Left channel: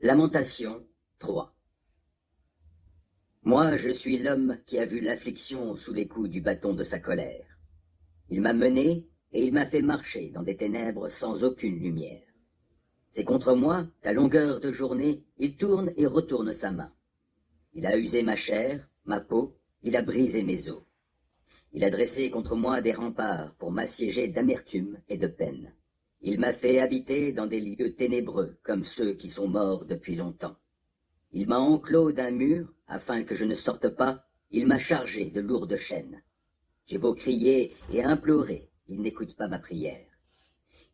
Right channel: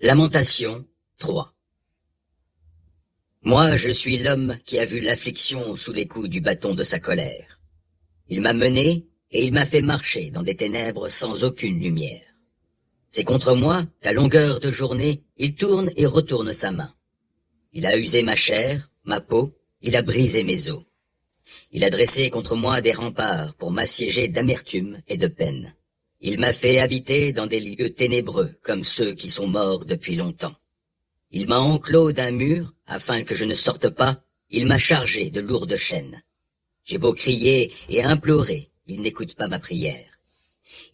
Lamentation 3. Moi, je suis l'homme qui a vu l'affliction sous les coups du bâton de sa colère. Il m'a mené et il m'a fait marcher dans des ténèbres sans aucune lumière. C'est contre moi qu'à longueur de journée, il tourne et retourne sa main. Il a usé ma chair, ma peau, il a brisé mes os. Il a dressé contre moi des remparts pour m'assiéger d'amertume et de peine. Il m'a fait habiter dans des lieux ténébreux comme ceux qui sont morts depuis longtemps. Il m'a enclos d'un mur afin que je ne sorte pas, il m'a chargé de lourdes chaînes. J'ai beau crier et implorer, il n'écoute pas ma prière.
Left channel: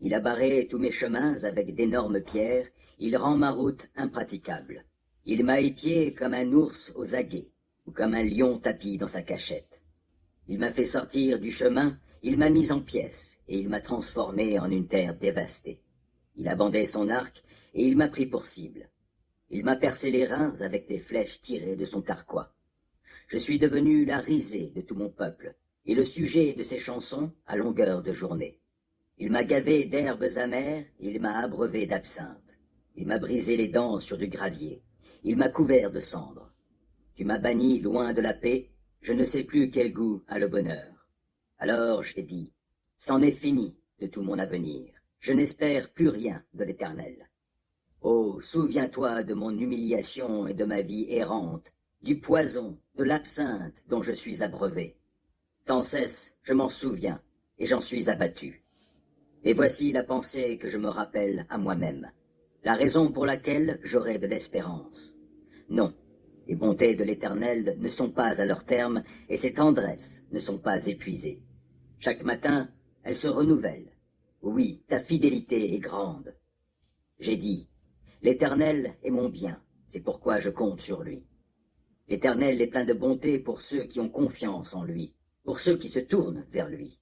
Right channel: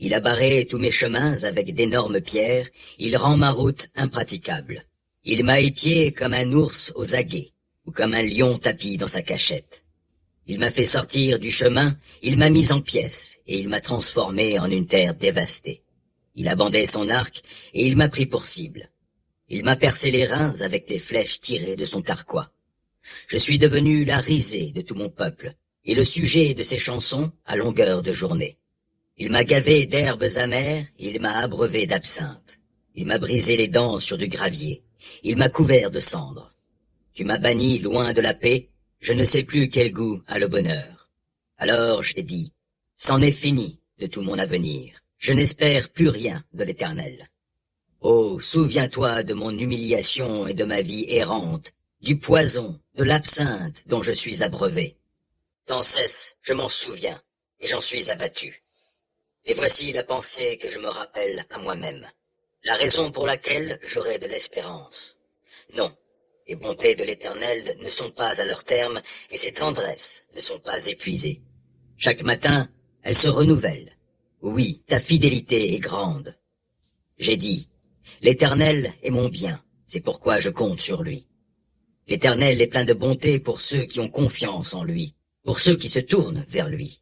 Il a barré tous mes chemins avec d'énormes pierres, il rend ma route impraticable. Il m'a épié comme un ours aux aguets, ou comme un lion tapi dans sa cachette. Il m'a fait sortir du chemin, il m'a mis en pièces, et il m'a transformé en une terre dévastée. Il a bandé son arc, et il m'a pris pour cible. Il m'a percé les reins avec les flèches tirées de son carquois. Je suis devenu la risée de tout mon peuple, et le sujet de ses chansons à longueur de journée. Il m'a gavé d'herbes amères, il m'a abreuvé d'absinthe. Il m'a brisé les dents sur du gravier, il m'a couvert de cendres. Tu m'as banni loin de la paix, je ne sais plus quel goût a le bonheur. Alors j'ai dit, c'en est fini de tout mon avenir, je n'espère plus rien de l'Éternel. Oh, souviens-toi de mon humiliation et de ma vie errante, du poison, de l'absinthe dont je suis abreuvé. Sans cesse, je m'en souviens, et j'en suis abattu. Et voici la pensée que je me rappelle à moi-même, la raison pour laquelle j'aurai de l'espérance. Non, les bontés de l'Éternel ne sont pas à leur terme, et ses tendresses ne sont pas épuisées. Chaque matin, elles se renouvellent. Oui, ta fidélité est grande. J'ai dit, l'Éternel est mon bien, c'est pourquoi je compte sur lui. L'Éternel est plein de bonté pour ceux qui ont confiance en lui, pour ceux qui se tournent vers lui.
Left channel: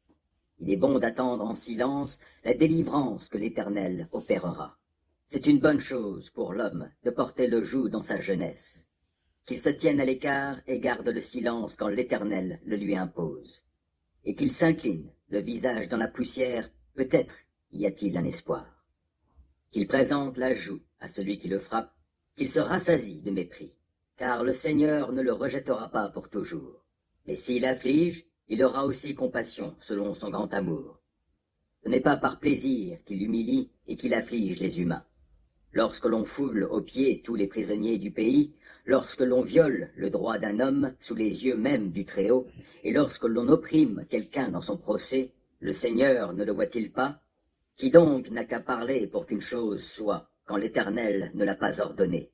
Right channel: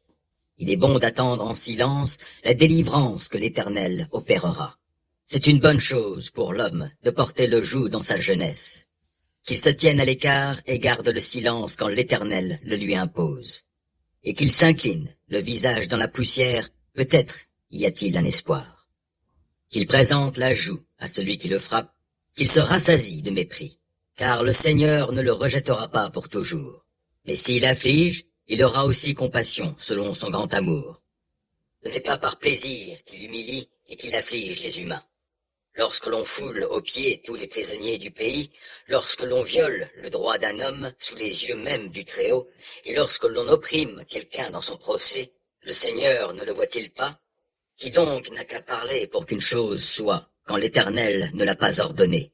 Il est bon d'attendre en silence la délivrance que l'Éternel opérera. C'est une bonne chose pour l'homme de porter le joug dans sa jeunesse. Qu'il se tienne à l'écart et garde le silence quand l'Éternel le lui impose. Et qu'il s'incline, le visage dans la poussière, peut-être y a-t-il un espoir. Qu'il présente la joue à celui qui le frappe, qu'il se rassasie de mépris, car le Seigneur ne le rejettera pas pour toujours. Mais s'il afflige, il aura aussi compassion selon son grand amour. Ce n'est pas par plaisir qu'il humilie et qu'il afflige les humains. Lorsque l'on foule aux pieds tous les prisonniers du pays, lorsque l'on viole le droit d'un homme sous les yeux même du Très-Haut, et lorsque l'on opprime quelqu'un dans son procès, le Seigneur ne le voit-il pas? Qui donc n'a qu'à parler pour qu'une chose soit, quand l'Éternel ne l'a pas ordonné?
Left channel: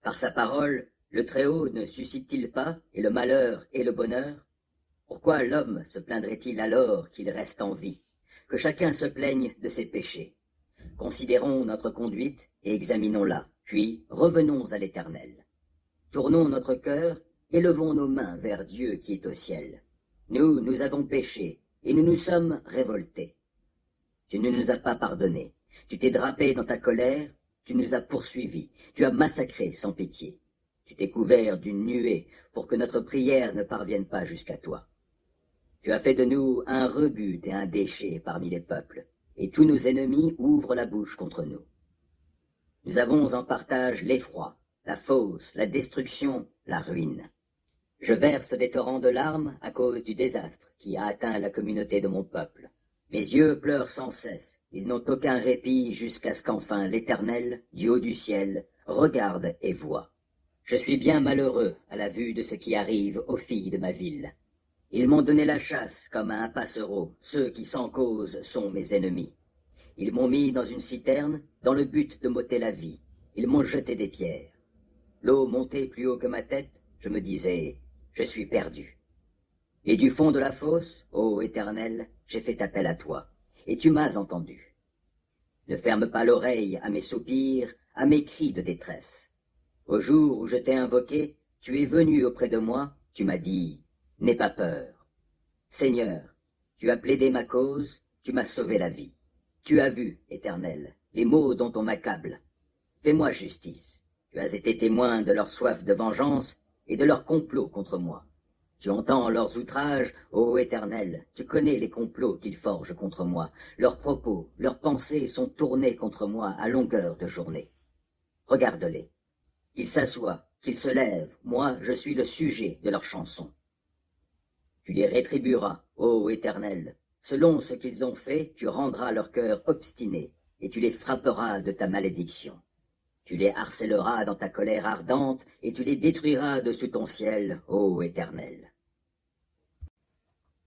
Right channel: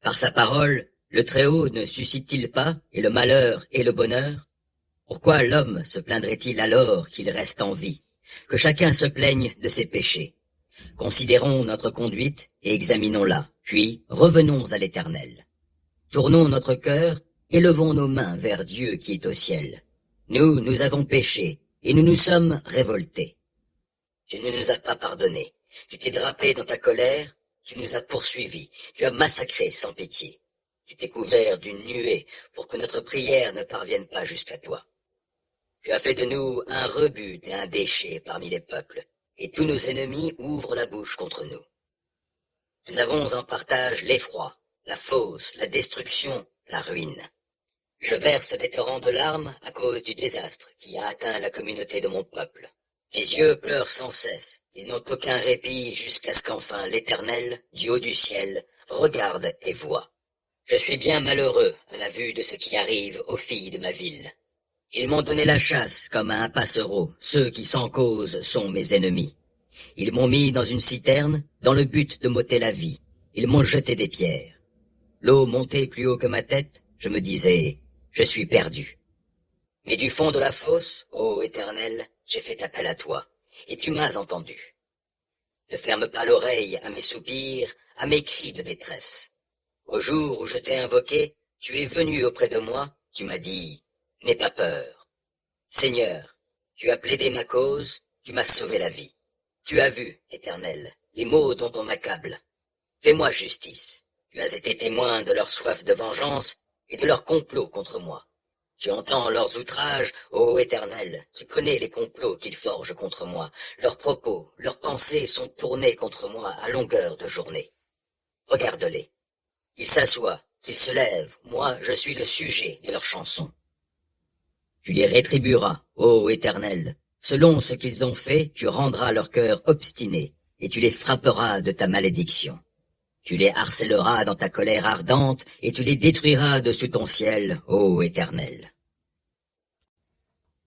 Par sa parole, le Très-Haut ne suscite-t-il pas, et le malheur et le bonheur? Pourquoi l'homme se plaindrait-il alors qu'il reste en vie? Que chacun se plaigne de ses péchés. Considérons notre conduite et examinons-la, puis revenons à l'Éternel. Tournons notre cœur, élevons nos mains vers Dieu qui est au ciel. Nous avons péché, et nous nous sommes révoltés. Tu ne nous as pas pardonné, tu t'es drapé dans ta colère, tu nous as poursuivis, tu as massacré sans pitié. Tu t'es couvert d'une nuée pour que notre prière ne parvienne pas jusqu'à toi. Tu as fait de nous un rebut et un déchet parmi les peuples, et tous nos ennemis ouvrent la bouche contre nous. Nous avons en partage l'effroi, la fosse, la destruction, la ruine. Je verse des torrents de larmes à cause du désastre qui a atteint la communauté de mon peuple. Mes yeux pleurent sans cesse, ils n'ont aucun répit jusqu'à ce qu'enfin l'Éternel, du haut du ciel, regarde et voie. Je suis bien malheureux à la vue de ce qui arrive aux filles de ma ville. Ils m'ont donné la chasse comme à un passereau, ceux qui sans cause sont mes ennemis. Ils m'ont mis dans une citerne, dans le but de m'ôter la vie. Ils m'ont jeté des pierres. L'eau montait plus haut que ma tête, je me disais, je suis perdu. Mais du fond de la fosse, ô Éternel, j'ai fait appel à toi, et tu m'as entendu. Ne ferme pas l'oreille à mes soupirs, à mes cris de détresse. Au jour où je t'ai invoqué, tu es venu auprès de moi, tu m'as dit, n'aie pas peur. Seigneur, tu as plaidé ma cause, tu m'as sauvé la vie. Tu as vu, Éternel, les maux dont on m'accable. Fais-moi justice. Tu as été témoin de leur soif de vengeance et de leur complot contre moi. Tu entends leurs outrages, ô Éternel, tu connais les complots qu'ils forgent contre moi. Leurs propos, leurs pensées sont tournés contre moi à longueur de journée. Regarde-les. Qu'ils s'assoient, qu'ils se lèvent, moi je suis le sujet de leurs chansons. Tu les rétribueras, ô Éternel. Selon ce qu'ils ont fait, tu rendras leur cœur obstiné, et tu les frapperas de ta malédiction. Tu les harcèleras dans ta colère ardente, et tu les détruiras dessus ton ciel, ô Éternel.